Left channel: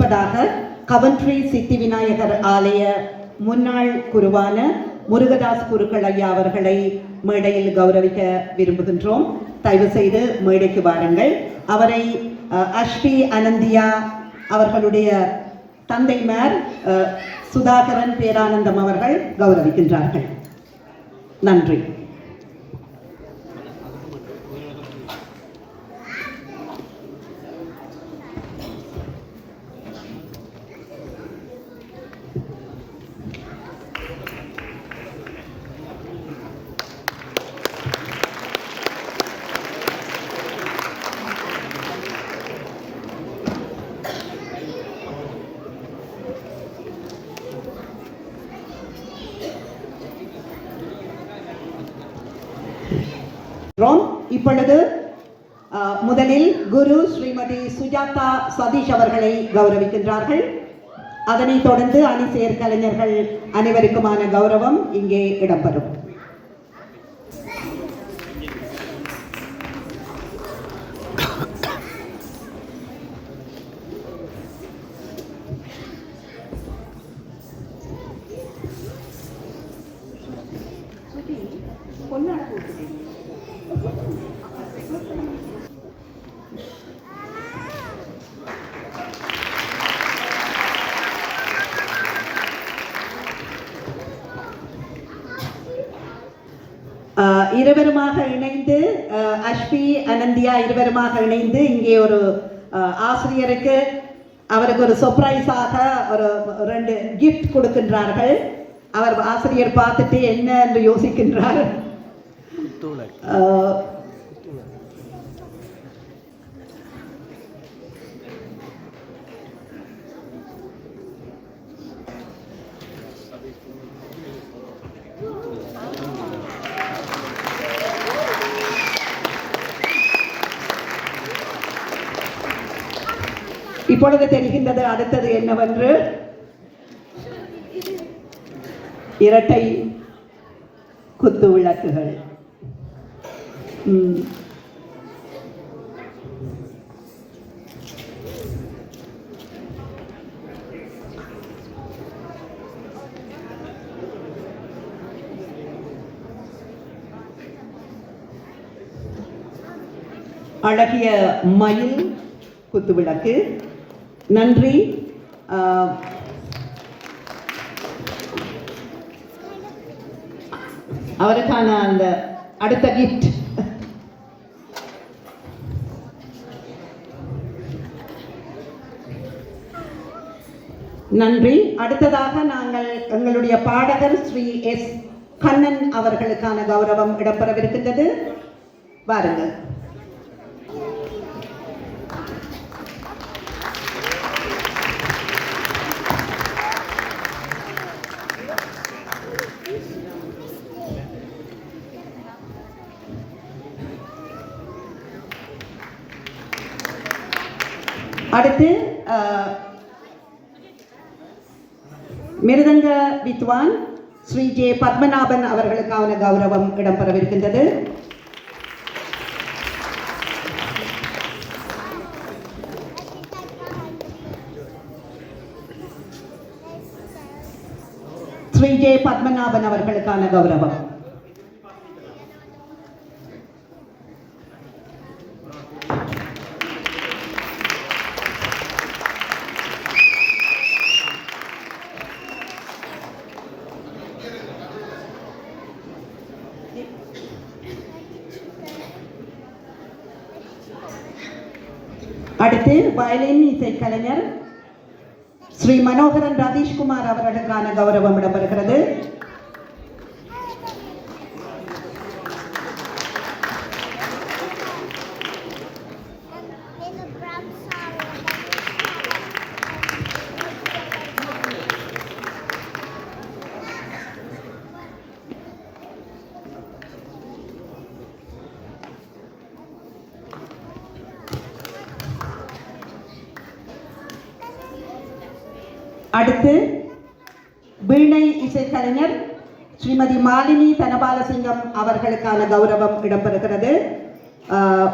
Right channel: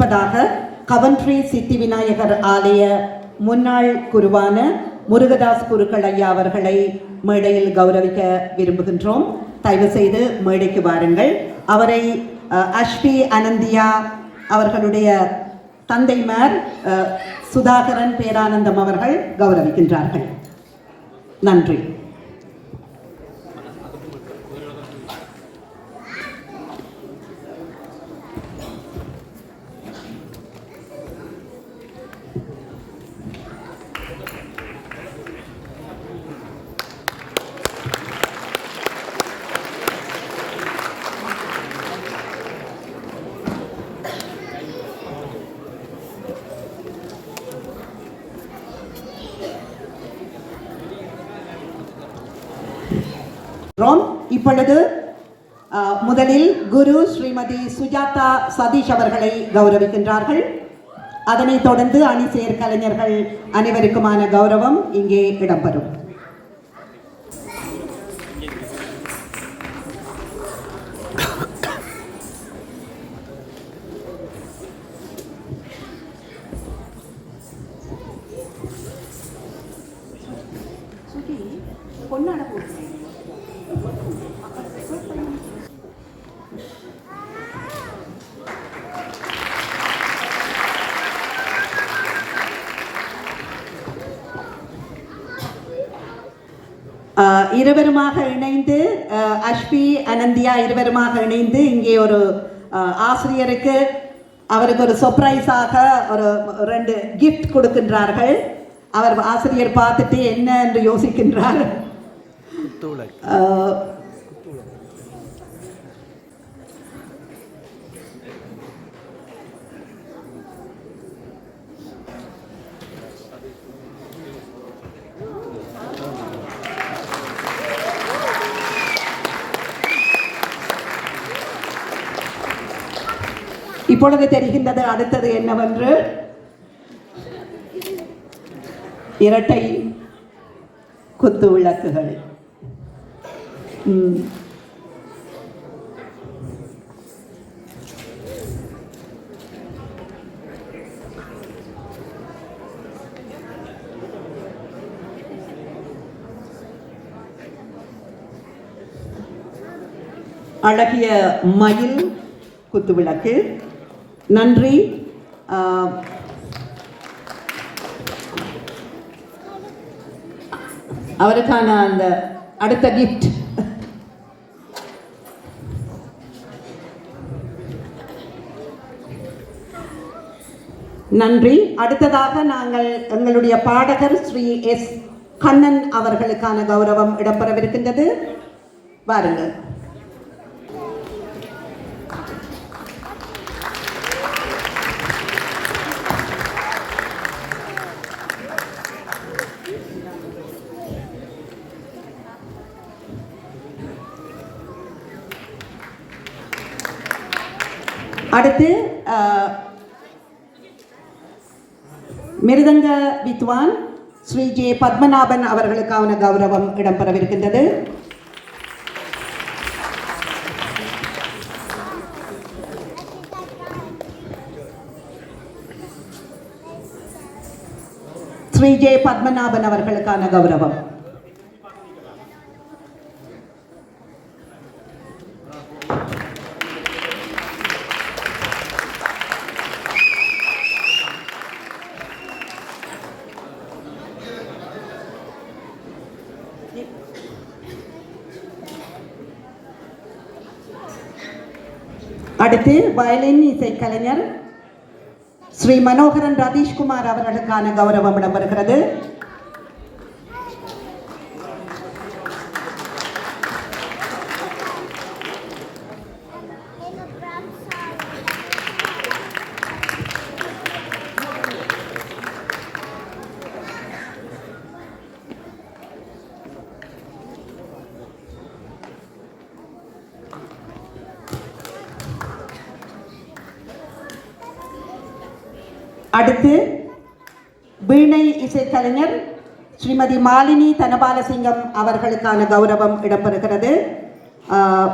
அதற்கு கவன்ட்ரி சித்தி விநாயகர் ஆலய முன்னாள் குருவான முருகதாஸ் குருக்கள் ஐயா அவர்களை மேடையில் கௌரவிக்க விரும்புகின்றோம். தயவு செய்து மேடைக்கு வாருங்கள். அவரை அஷ்வி அனந்தியா அவர்களுடைய தந்தைமார் அஹ், சுதாகரன் பேரானந்தம் அவர்கள் கௌரவிக்கின்றார்கள். நன்றி. இப்பொழுது முதலில் குரு ஸ்ரீமதி சுஜாதா சதீஷ் அவர்களை கௌரவிக்கின்றார்கள். அதனைத் தொடர்ந்து அணி செயற்கலைஞர்கள் அனைவருக்குமான கௌரவம் இங்கே இடம்பெறும். இங்கே ஒரு ஆசிரியருக்கு அவருக்கு ஒரு சர்ப்ரைஸாக ஒரு ரெண்டு கிஃப்ட் கொடுக்கின்றார்கள். அவர் ஆசிரியர் பார்த்துட்டு என்ன என்று யோசிக்கின்றார். இப்பொழுது தெரிகின்றது அடுத்தது என்னவென்று? இரட்டை குத்து விளக்குகள். அழகிய மயில் குத்துவிளக்கு நன்றி. அவருக்கான அந்த அடுத்த கிஃப்ட் நன்றி. அடுத்ததாக நாங்கள் எங்களுடைய பாடகர் ஸ்ரீ எஸ் கண்ணன் அவர்களுக்கான கௌரவம் இடம்பெறவிருக்கின்றது. வாருங்கள் மிருதங்க வித்வான் ஸ்ரீ ஜே பத்மநாபன் அவர்களுக்கான கௌரவம் இடம்பெறவிருக்கின்றது. ஸ்ரீ ஜே பத்மநாபன் அவர்களுக்கான கௌரவம் அடுத்து வயலின் இசைக்கலைஞர் ஸ்ரீ மனோகரன் ரதீஷ்குமார் அவர்களுக்கான கௌரவம் இடம்பெறுகிறது இசைக்கலைஞர் ஸ்ரீமதி மாலினி தனபாலசிங்கம் அவர்களுக்கான கௌரவம் இடம்பெறுகிறது ஆஹ்,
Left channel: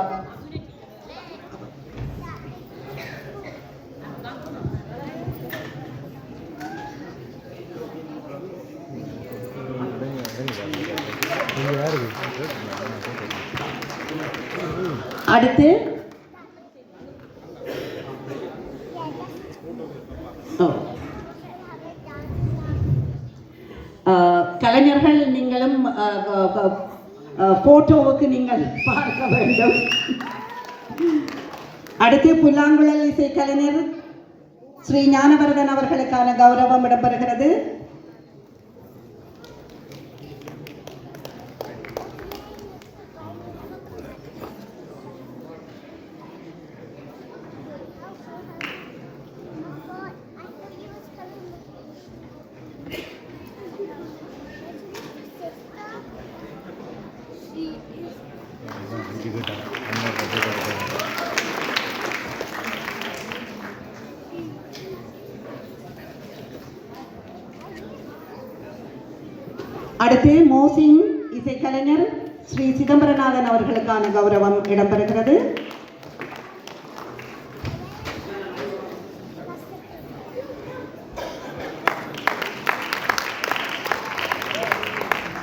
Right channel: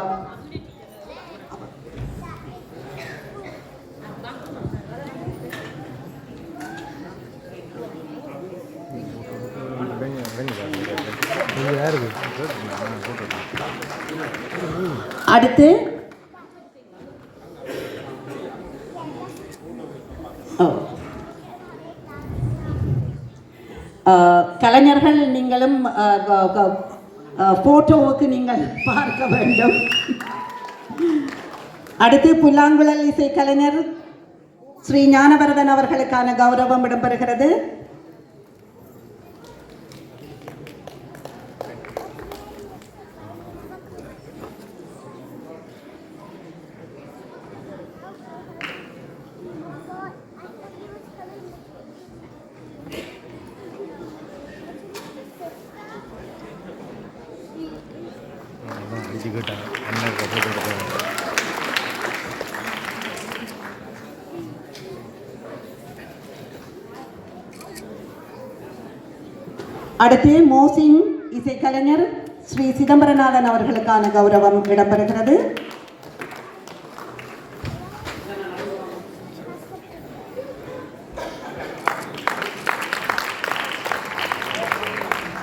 அடுத்து ஓ. ஆஹ், கலைஞர்கள் நீங்களும் போட்டோவுக்கு நீங்கள் பார்க்க வேண்டும். அடுத்து புல்லாங்குழல் இசை கலைஞர் ஸ்ரீ ஞானவரதன் அவர்களுக்கான கௌரவம் இடம்பெறுகிறது. அடுத்து மோசின் இசைக்கலைஞர் ஸ்ரீ சிதம்பரநாதன் அவர்களுக்கான கௌரவம் இடம்பெறுகிறது.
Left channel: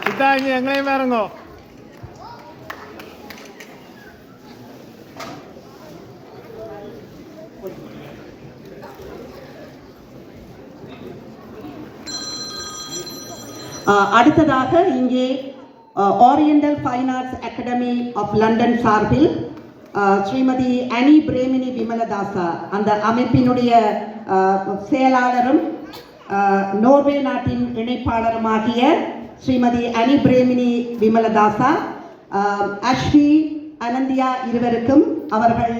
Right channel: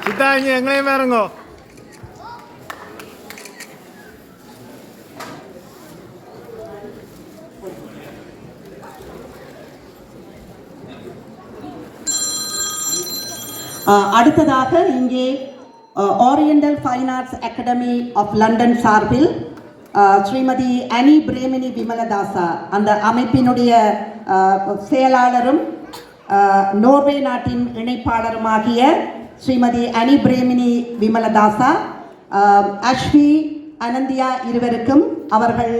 சித்தா எங்களையும் பாருங்கோ. அடுத்ததாக இங்கே Oriental Fine Arts Academy of London சார்பில் ஸ்ரீமதி அனி பிரேமினி விமலதாசா அந்த அமைப்பினுடைய செயலாளரும் நோர்வே நாட்டின் இணைப்பாளருமாகிய ஸ்ரீமதி அனி பிரேமினி விமலதாசா அஸ்வி அனந்தியா இருவருக்கும் அவர்கள்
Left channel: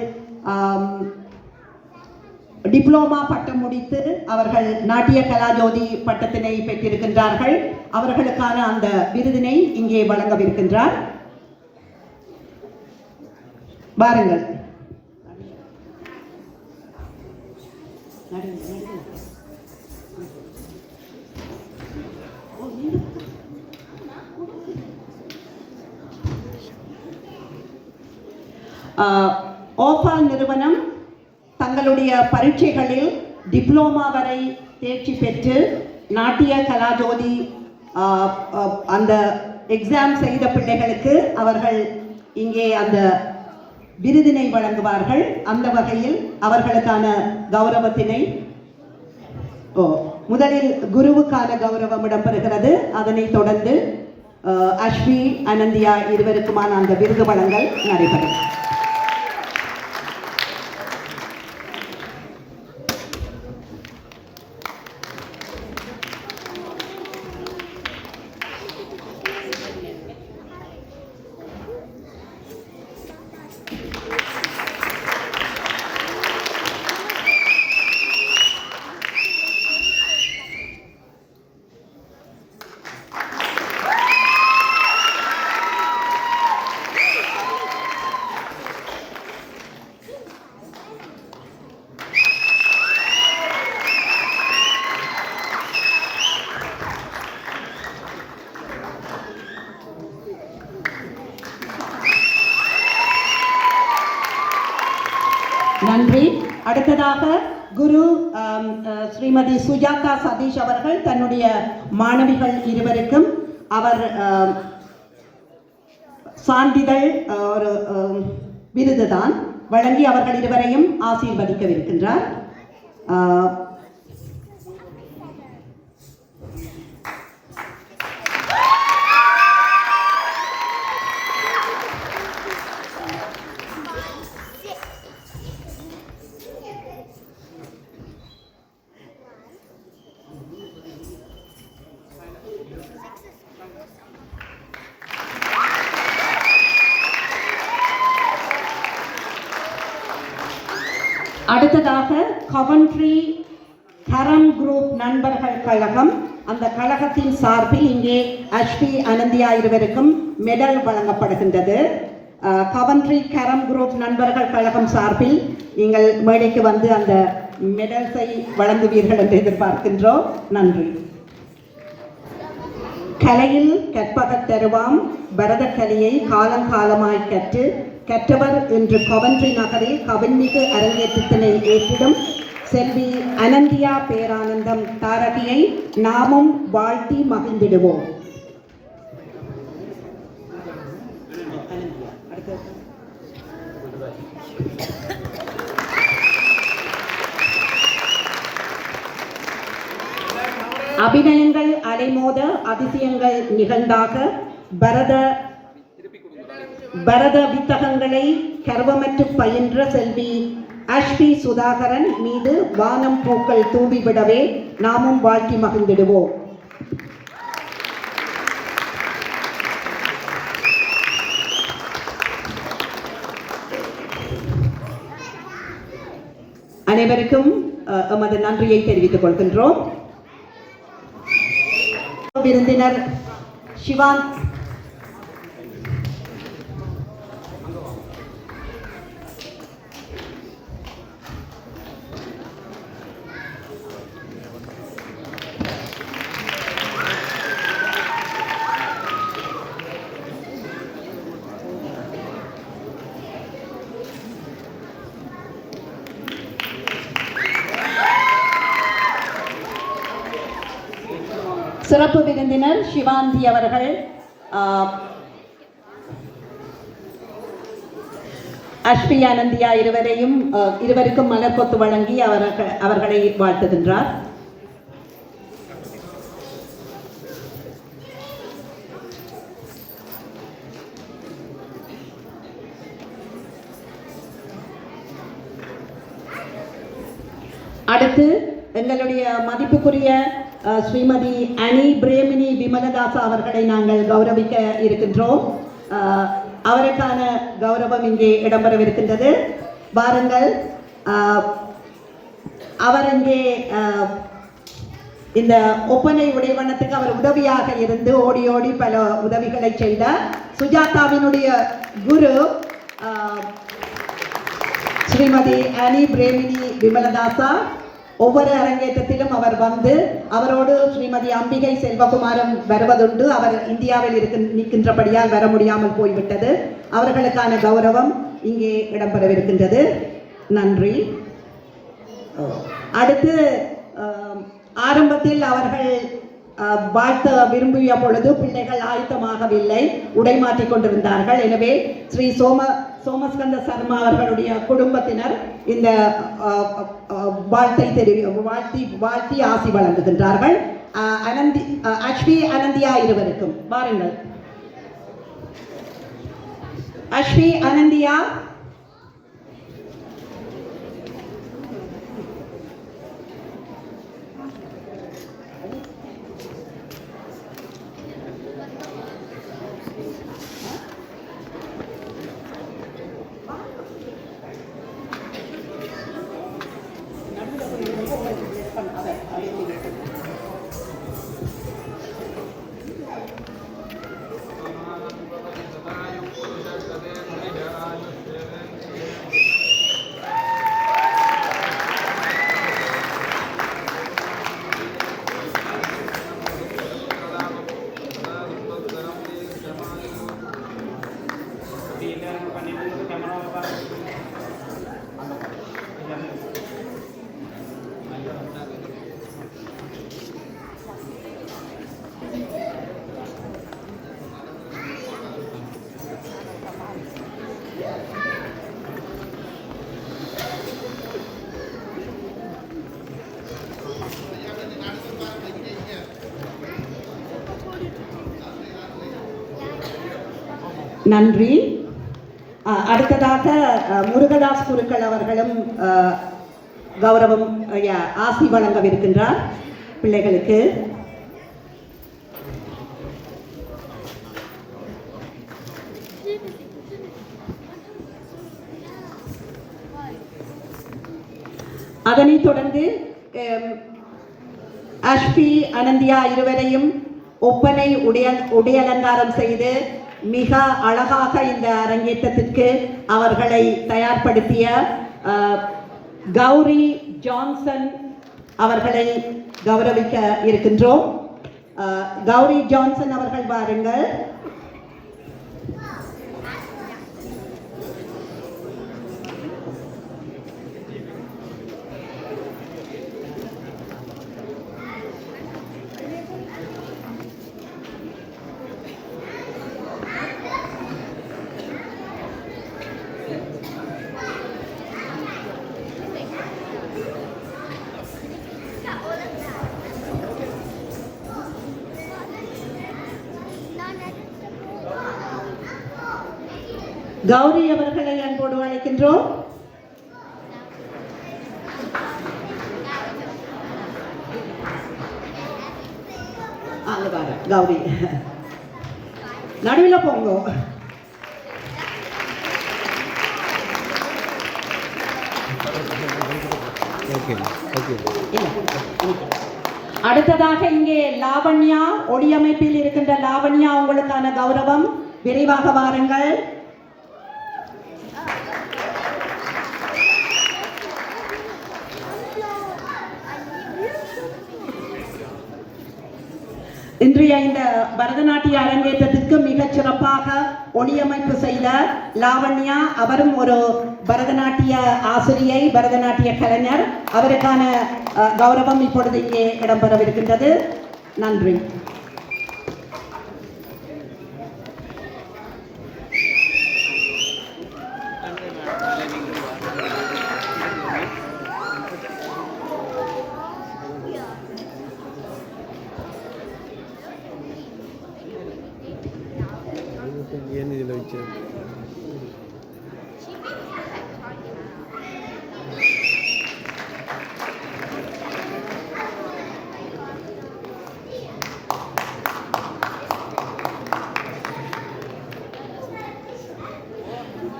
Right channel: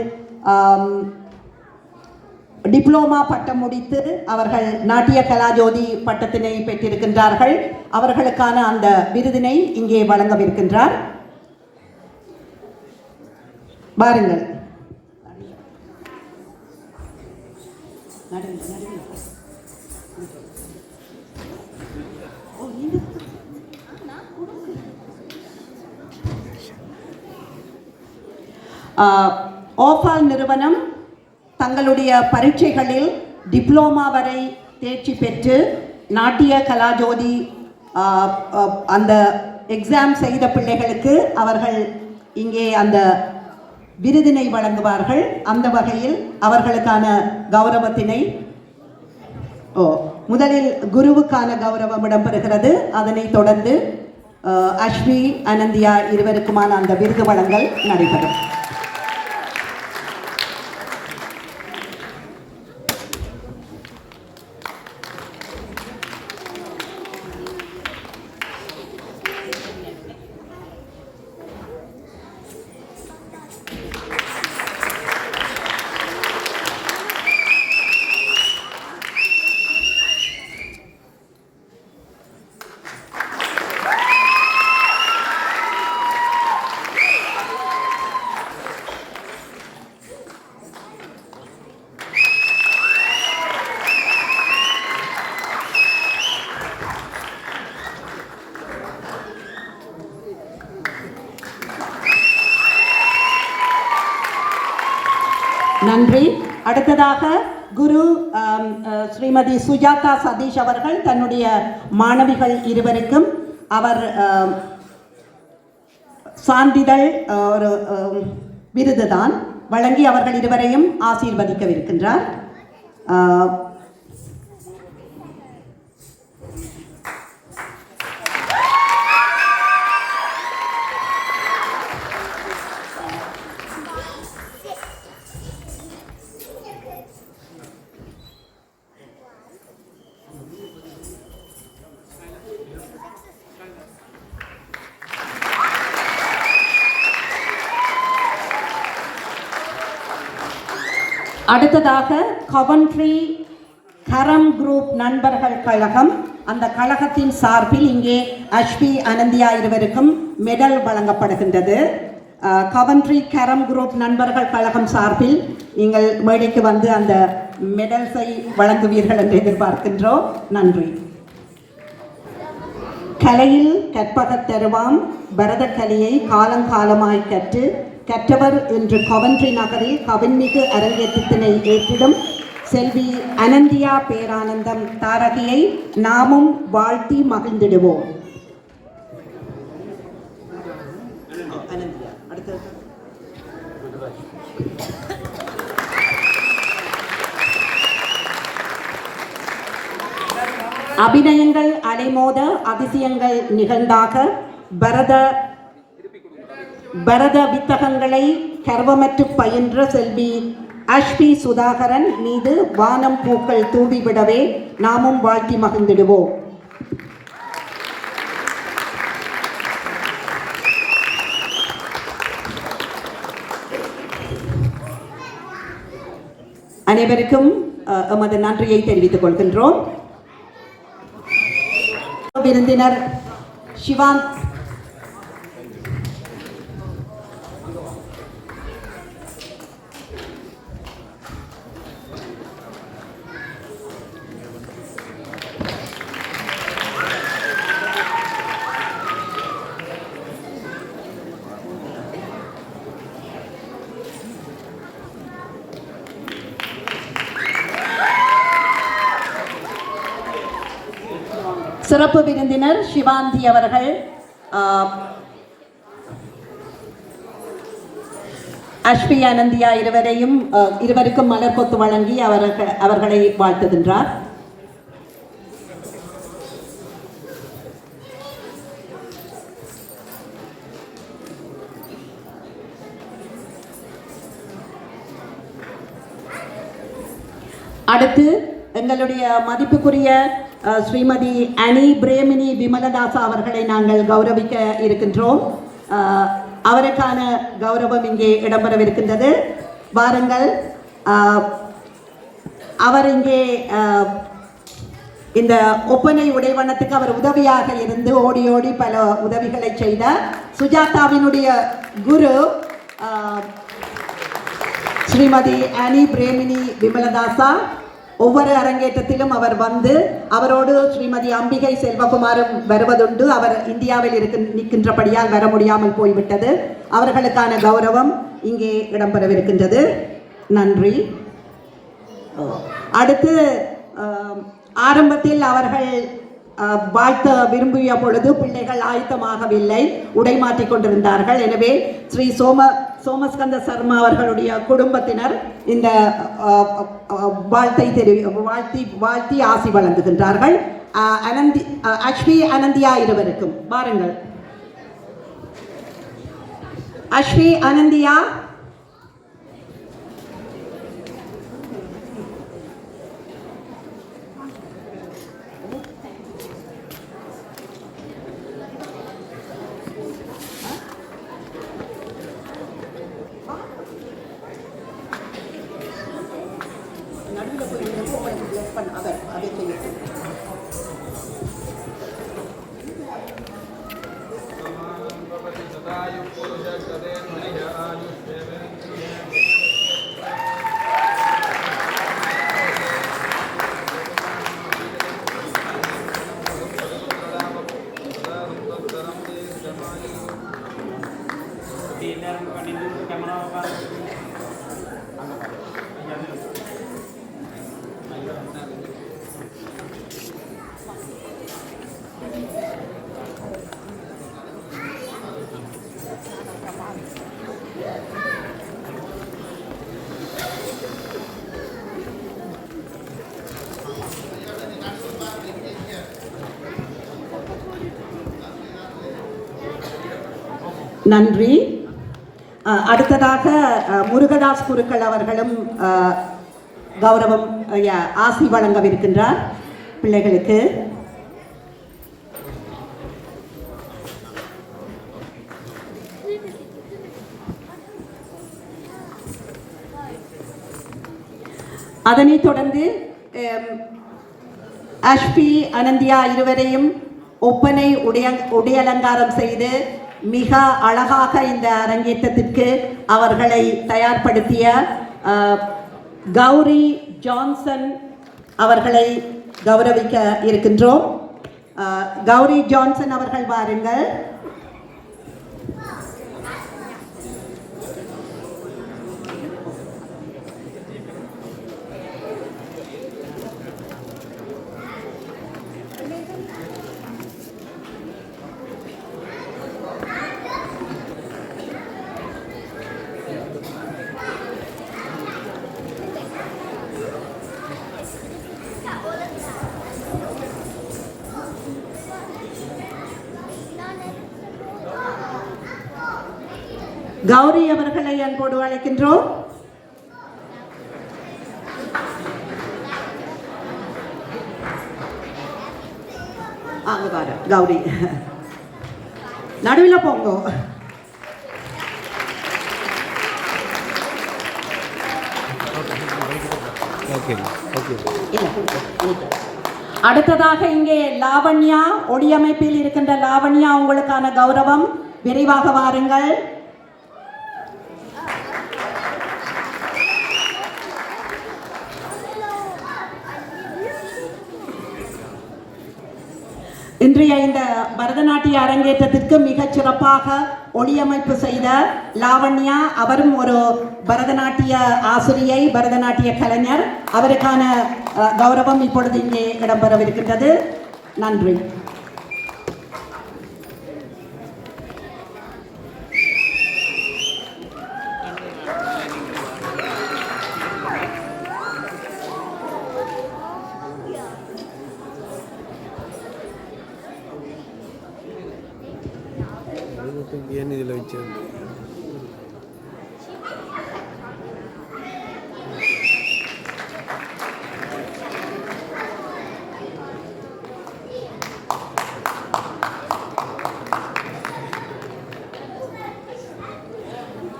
டிப்ளோமா பட்டம் முடித்து அவர்கள் நாட்டிய கலாஜோதி பட்டத்தினை பெற்றிருக்கின்றார்கள். அவர்களுக்கான அந்த விருதினை இங்கே வழங்கவிருக்கின்றார். பாருங்கள். ஓபால் நிறுவனம் தங்களுடைய பரீட்சைகளில் டிப்ளோமா வரை தேர்ச்சி பெற்று நாட்டிய கலாஜோதி அந்த எக்ஸாம் செய்த பிள்ளைகளுக்கு அவர்கள் இங்கே அந்த விருதினை வழங்குவார்கள். அந்த வகையில் அவர்களுக்கான கௌரவத்தினை ஓ முதலில் குருவுக்கான கௌரவம் இடம்பெறுகிறது. அதனைத் தொடர்ந்து ஆஹ், அஸ்வி அனந்தியா இருவருக்குமான அந்த விருது வழங்கல் நடைபெறும். ஸ்ரீமதி சுஜாதா சதீஷ் அவர்கள் தன்னுடைய மாணவிகள் இருவருக்கும் அவர் சான்றிதழ் ஒரு விருதுதான் வழங்கி அவர்கள் இருவரையும் ஆசீர்வதிக்கவிருக்கின்றார். சார்பில் இங்கே அஷ்வி அனந்தியா இருவருக்கும் மெடல் வழங்கப்படுகின்றது. கவன்ட்ரி கரம் குரூப் நண்பர்கள் கழகம் சார்பில் நீங்கள் மேடைக்கு வந்து அந்த மெடல்ஸை வழங்குவீர்கள் என்று எதிர்பார்க்கின்றோம். நன்றி. கலையில் கற்பகத் தருவாம். பரதக்கலையை காலங்காலமாய் கற்று கற்றவர் என்று கவன்ட்ரி நகரில் கவின்மிகு அரங்கேற்றத்தினை ஏற்றிடும் செல்வி அனந்தியா பேரானந்தம் தாரதியை நாமும் வாழ்த்தி மகிழ்ந்திடுவோம். அபிநயங்கள் அலைமோத அதிசயங்கள் நிகழ்ந்தாக பரத பரத வித்தகங்களை கர்வமற்று பயின்ற செல்வி அஷ்வி சுதாகரன் மீது வானம் பூக்கள் தூண்டிவிடவே நாமும் வாழ்த்தி மகிழ்ந்திடுவோம். அனைவருக்கும் அஹ், எமது நன்றியை தெரிவித்துக் கொள்கின்றோம். விருந்தினர் சிவான் சிறப்பு விருந்தினர் சிவாந்தி அவர்கள் ஆஹ், அஷ்பி ஆனந்தியா இருவரையும் இருவருக்கும் மலர் கொத்து வழங்கி அவர்கள் அவர்களை வாழ்த்துகின்றார். அடுத்து எங்களுடைய மதிப்புக்குரிய ஸ்ரீமதி அனி பிரேமினி விமலதாசா அவர்களை நாங்கள் கௌரவிக்க இருக்கின்றோம். அவருக்கான கௌரவம் இங்கே இடம்பெறவிருக்கின்றது. வாருங்கள். அவர் இங்கே இந்த ஒப்பனை உடைவண்ணத்துக்கு அவர் உதவியாக இருந்து ஓடி ஓடி பல உதவிகளை செய்தார். சுஜாதாவினுடைய குரு ஸ்ரீமதி அனி பிரேமினி விமலதாசா. ஒவ்வொரு அரங்கேற்றத்திலும் அவர் வந்து அவரோடு ஸ்ரீமதி அம்பிகை செல்வகுமாரும் வருவதுண்டு. அவர் இந்தியாவில் இருக்கு நிற்கின்றபடியால் வர முடியாமல் போய்விட்டது. அவர்களுக்கான கௌரவம் இங்கே இடம்பெறவிருக்கின்றது. நன்றி. அடுத்து ஆரம்பத்தில் அவர்கள் வாழ்த்த விரும்பிய பொழுது பிள்ளைகள் ஆயத்தமாகவில்லை. உடை மாற்றிக் கொண்டிருந்தார்கள். எனவே ஸ்ரீ சோம சோமஸ்கந்த சர்மா அவர்களுடைய குடும்பத்தினர் இந்த வாழ்த்தை தெரி வாழ்த்தி வாழ்த்தி ஆசி வழங்குகின்றார்கள். அஹ், அனந்தி அஹ், அஸ்வி அனந்தியா இருவருக்கும் பாருங்கள் அஸ்வி அனந்தியா நன்றி. அடுத்ததாக முருகதாஸ் குருக்கள் அவர்களும் கௌரவம் ஆசி வழங்கவிருக்கின்றார் பிள்ளைகளுக்கு. அதனைத் தொடர்ந்து அஷ்பி அனந்தியா இருவரையும் ஒப்பனை உடைய உடையலங்காரம் செய்து மிக அழகாக இந்த அரங்கேற்றத்திற்கு அவர்களை தயார்படுத்திய கௌரி ஜான்சன் அவர்களை கௌரவிக்க இருக்கின்றோம். கௌரி ஜான்சன் அவர்கள் வாருங்கள். கௌரி அவர்களை அன்போடு அழைக்கின்றோம். அங்க பாரு கௌரி. நடுவில் போங்க. அடுத்ததாக இங்கே லாவண்யா ஒடியமைப்பில் இருக்கின்ற லாவண்யா உங்களுக்கான கௌரவம். விரைவாக வாருங்கள். இன்றைய இந்த பரதநாட்டிய அரங்கேற்றத்திற்கு மிகச் சிறப்பாக ஒளியமைப்பு செய்த லாவண்யா அவரும் ஒரு பரதநாட்டிய ஆசிரியை பரதநாட்டிய கலைஞர். அவருக்கான கௌரவம் இப்பொழுது இங்கே இடம்பெறவிருக்கின்றது. நன்றி. ஏன் இதில் வச்சு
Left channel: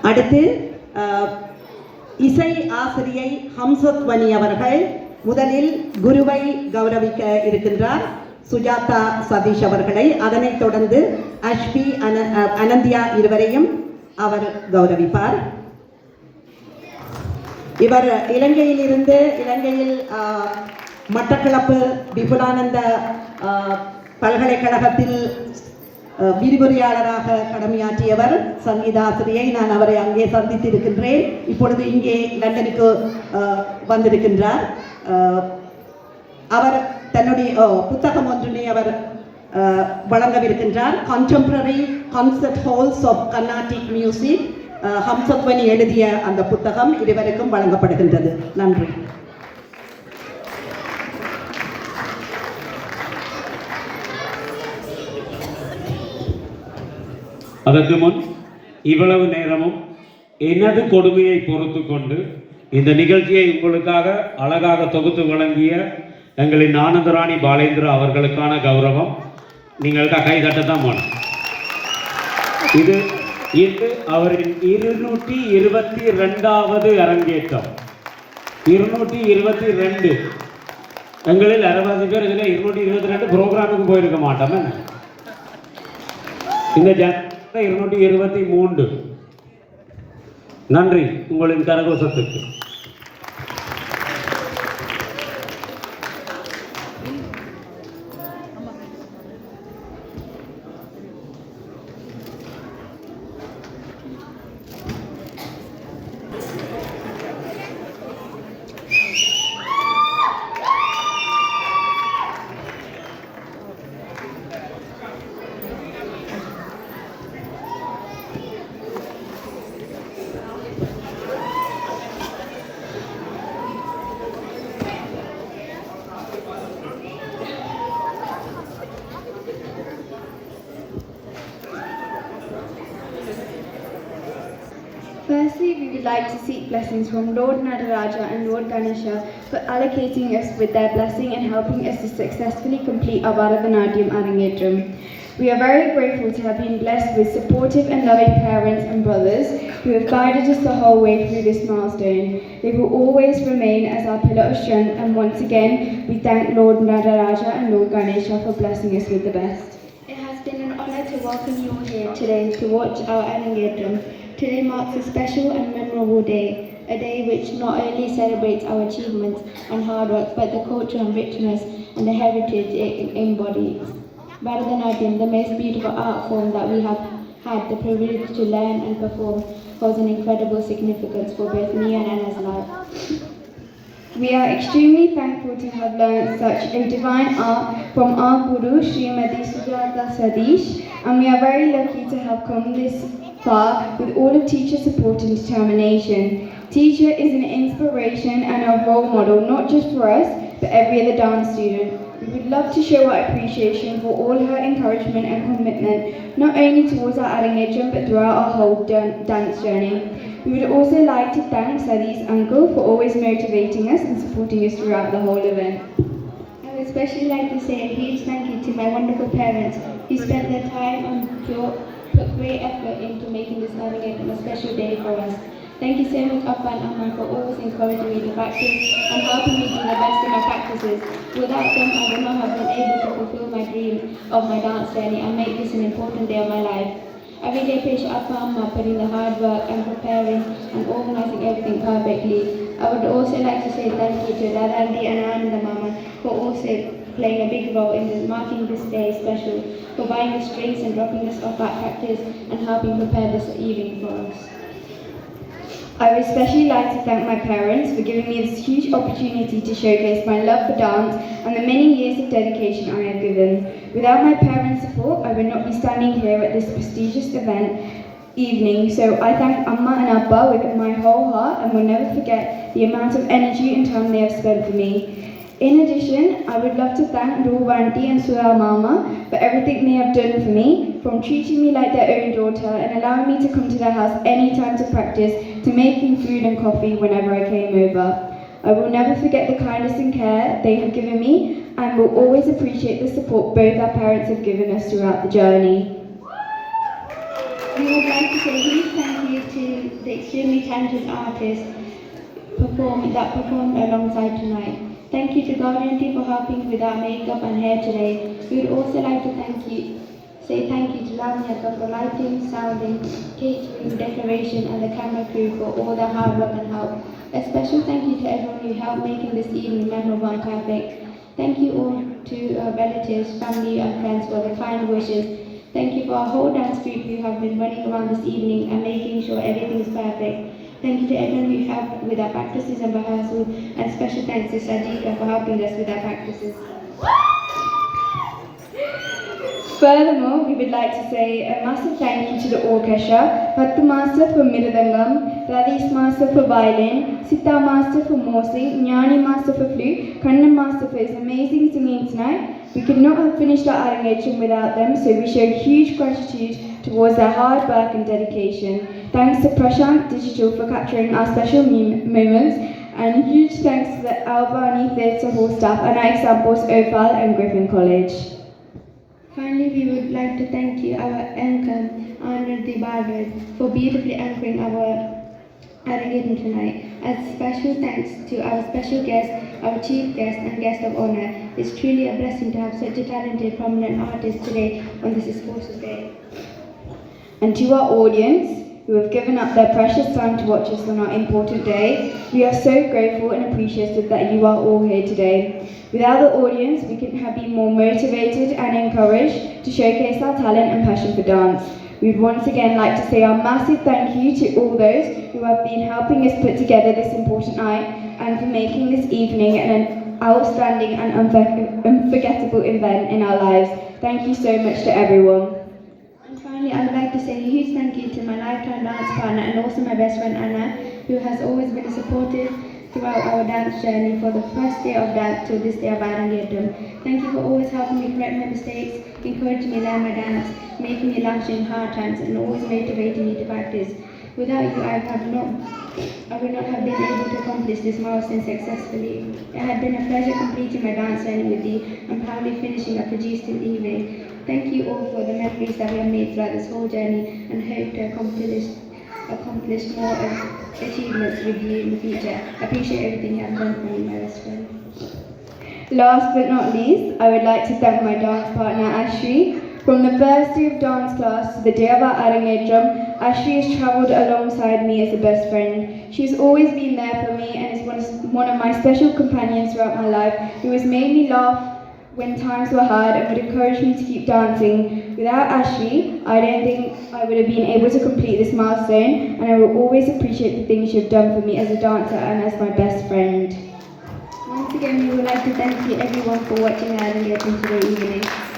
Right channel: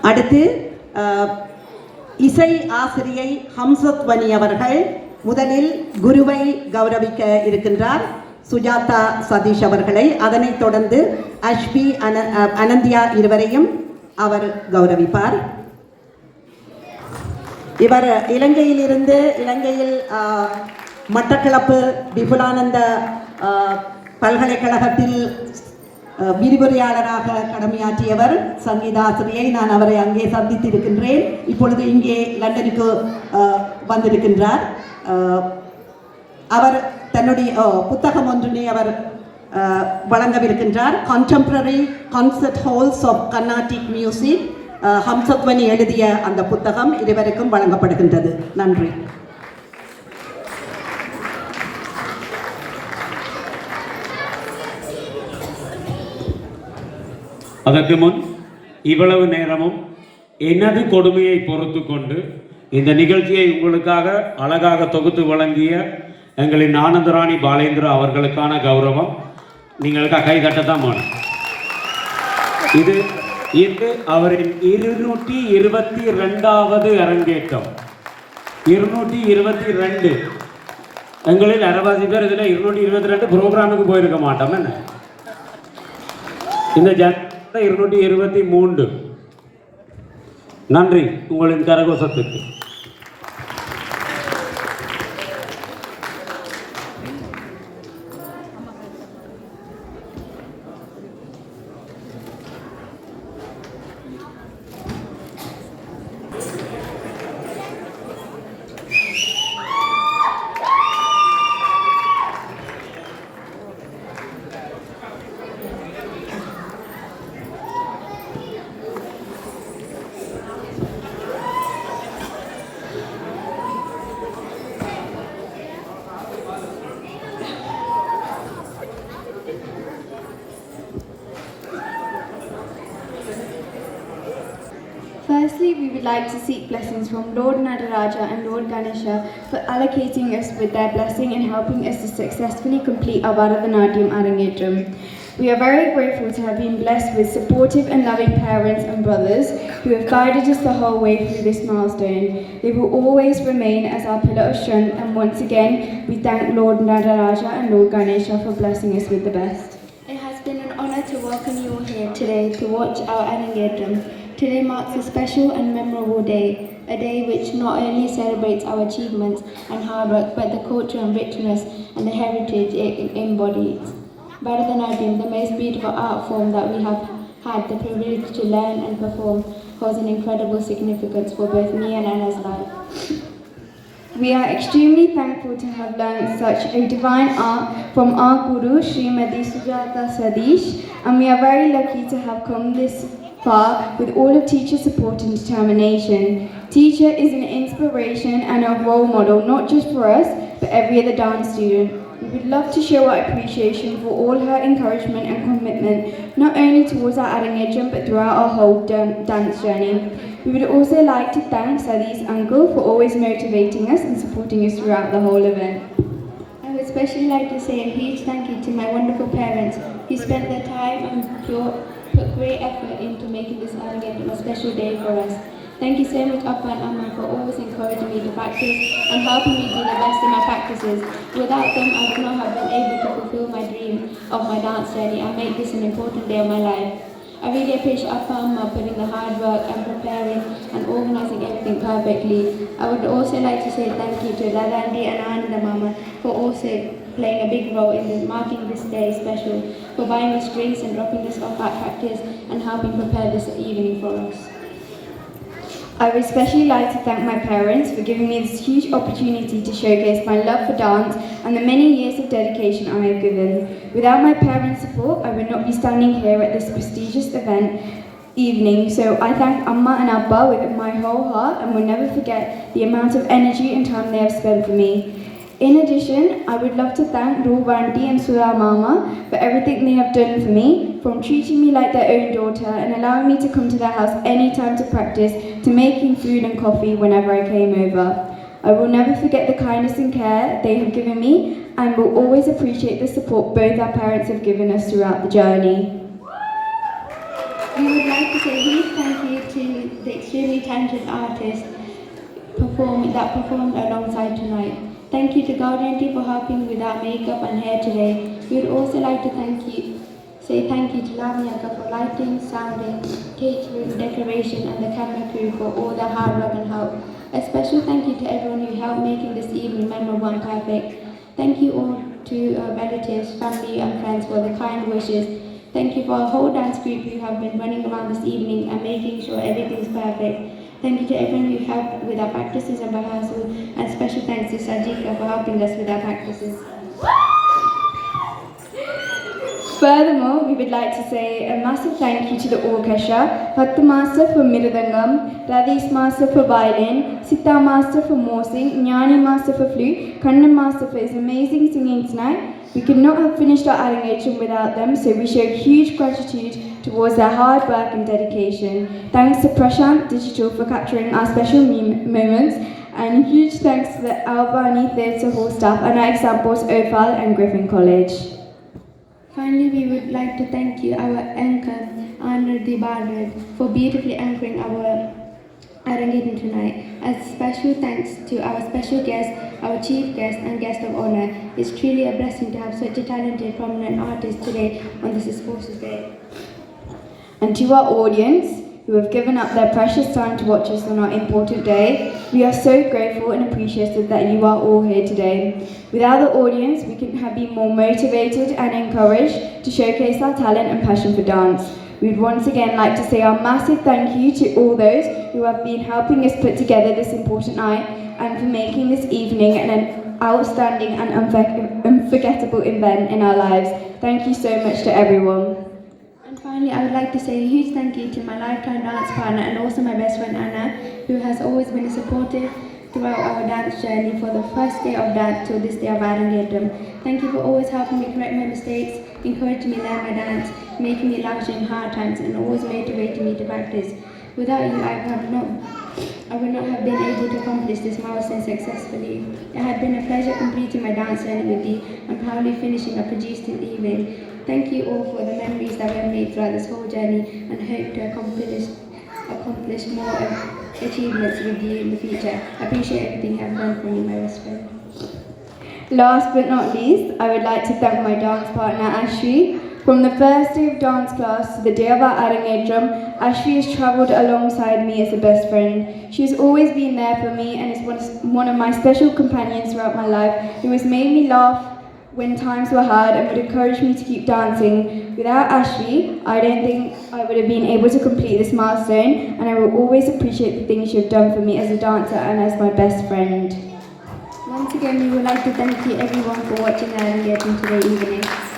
அடுத்து இசை ஆசிரியை ஹம்சத்வனி அவர்கள் முதலில் குருவை கௌரவிக்க இருக்கின்றார் சுஜாதா சதீஷ் அவர்களை. அதனைத் தொடர்ந்து அஷ்பி அன அனந்தியா இருவரையும் அவர் கௌரவிப்பார். இவர் இலங்கையிலிருந்து இலங்கையில் மட்டக்களப்பு விபுலானந்த பல்கலைக்கழகத்தில் விரிவுரையாளராக கடமையாற்றியவர் சங்கீதாசிரியை நான் அவரை அங்கே சந்தித்திருக்கின்றேன். இப்பொழுது இங்கே லண்டனுக்கு வந்திருக்கின்றார். அவர் தன்னுடைய ஓ, புத்தகம் ஒன்றினை அவர் வழங்கவிருக்கின்றார். Contemporary concert halls of Carnatic music Hamsadhwani எழுதிய அந்த புத்தகம் இருவருக்கும் வழங்கப்படுகின்றது. நன்றி. அதற்கு முன் இவ்வளவு நேரமும் எனது கொடுமையை பொறுத்து கொண்டு இந்த நிகழ்ச்சியை உங்களுக்காக அழகாக தொகுத்து வழங்கிய எங்களின் ஆனந்தராணி பாலேந்திரா அவர்களுக்கான கௌரவம். நீங்கள் கை கட்டத்தான் வேணும் இது இது அவரின் இருநூற்றி இருபத்தி ரெண்டாவது அரங்கேற்றம். இருநூற்றி இருபத்தி ரெண்டு. எங்களில் அறுபது பேர் இதில் இருநூற்றி இருபத்தி ரெண்டு ப்ரோக்ராமுக்கு போயிருக்க மாட்டோம் என்ன? இந்த ஜனத்தை இருநூற்றி இருபத்தி மூன்று. நன்றி உங்களின் கரகோசத்துக்கு. Ganesha for allocating us with their blessing and helping us to successfully complete our Bharatanatyam Arangetram. We are very grateful to have been blessed with supportive and loving parents and brothers who have guided us the whole way through this milestone. They will always remain as our pillar of strength and once again we thank Lord Nadaraja and Lord Ganesha for blessing us with the best. It has been an honour to welcome you all here today to watch our Anangetram. Today marks a special and memorable day, a day which not only celebrates our achievements and hard work, but the culture and richness and the heritage it embodies. Bharatanatyam, the most beautiful art form that we have had the privilege to learn and perform, holds an incredible significance for both me and Anna's life. We are extremely thankful to have learned such a divine art from our Guru Srimati Sujata Sadish and we are very lucky to have come this far with all of teacher support and determination. Teacher is an inspiration and a role model not just for us but every other dance student. Would love to show our appreciation for all her encouragement and commitment, not only towards our Arangajam but throughout our whole dance journey. We would also like to thank Sadi's uncle for always motivating us and supporting us throughout the whole event. I would especially like to say a huge thank you to my wonderful parents who spent their time and put great effort into making this Arangam a special day for us. Thank you so much, Appa and Amma, for always encouraging me to practice and helping me do the best in my practices. Without them, I would not have been able to fulfill my dream of my dance journey and make this an important day of my life. I really appreciate Appa and Amma putting the hard work and preparing and organising everything perfectly. I would also like to say thank you to Dada Andi and Ananda Mama for also playing a big role in marking this day special, for buying us drinks and dropping us off at practice and helping prepare this evening for us. I would especially like to thank my parents for giving me this huge opportunity to showcase my love for dance and the many years of dedication I have given. Without my parents' support, I would not be standing here at this prestigious event evening. So I thank Amma and Abba with my whole heart and will never forget the amount of energy and time they have spent for me. In addition, I would love to thank Vanti and Sura Mama for everything they have done for me, from treating me like their own daughter and allowing me to come to their house anytime to practice, to making food and coffee whenever I came over. I will never forget the kindness and care they have given me and will always appreciate the support both our parents have given us throughout the journey. We would like to say a huge thank you to the extremely talented artists perform, that performed alongside tonight. Thank you to Guardian for helping with our makeup and hair today. We would also like to thank you, say thank you to Lavanya for lighting, sounding, catering, decoration and the camera crew for all their hard work and help. A special thank you to everyone who helped making this evening memorable and perfect. Thank you all to our relatives, family and friends for the kind wishes. Thank you for our whole dance group who have been running around this evening and making sure everything is perfect. Thank you to everyone who helped with our practices and rehearsal, and special thanks to Sadika for helping us with our practices. Furthermore, we would like to say a massive thank you to the orchestra, Pattu Master for Miradangam, Radis Master for violin, Sita Master for Morsi, Jnani Master for flute, Kannan Master for his amazing singing tonight. We could not have finished our Arangacham without them, so we show huge gratitude towards their hard work and dedication. Thanks to Prashant Digital for capturing our special moments, and huge thanks to the Albany Theatre Hall staff and our examples Ophal and Griffin College. Finally, we would like to thank you, our anchor, Anurdi Bardred, for beautifully anchoring our Arangatan tonight. As special thanks to our special guest, our chief guest and guest of honor. It's truly a blessing to have such a talented, prominent artist today on this auspicious day. And to our audience, who have given up their precious time to watch us on our important day, we are so grateful and appreciative that you are all here today. Without the audience, we couldn't have been more motivated and encouraged to showcase our talent and passion for dance. We'd once again like to say our massive thank you to all those who have been helping us put together this important night and for making this evening an outstanding and unfor- unforgettable event in our lives. Thank you so much to everyone. And finally, I would like to say a huge thank you to my lifetime dance partner and also my best friend Anna, who has always been supportive throughout our dance journey for the first day of dance to this day of Arangatam. Thank you for always helping me correct my mistakes, encouraging me learn my dance, making me laugh during hard times, and always motivating me to practice. Without you, I would have not, I would not have been able to accomplish this milestone successfully. It had been a pleasure completing my dance journey with you and proudly finishing a produced in evening. Thank you all for the memories that we have made throughout this whole journey and hope to accomplish accomplish more um, achievements with you in the future. I appreciate everything you have done for me, my best friend. Last but not least, I would like to thank my dance partner Ashri. From the first day of dance class to the day of our Arangetram, Ashri has travelled alongside me as a best friend. She has always been there for me and is one of my special companions throughout my life who has made me laugh when times were hard and would encourage me to keep dancing. Without Ashley, I don't think I would have been able to complete this milestone, and I will always appreciate the things you have done for me as a dancer and as my best friend. Once again, we would like to thank you everyone for watching our engagement today evening.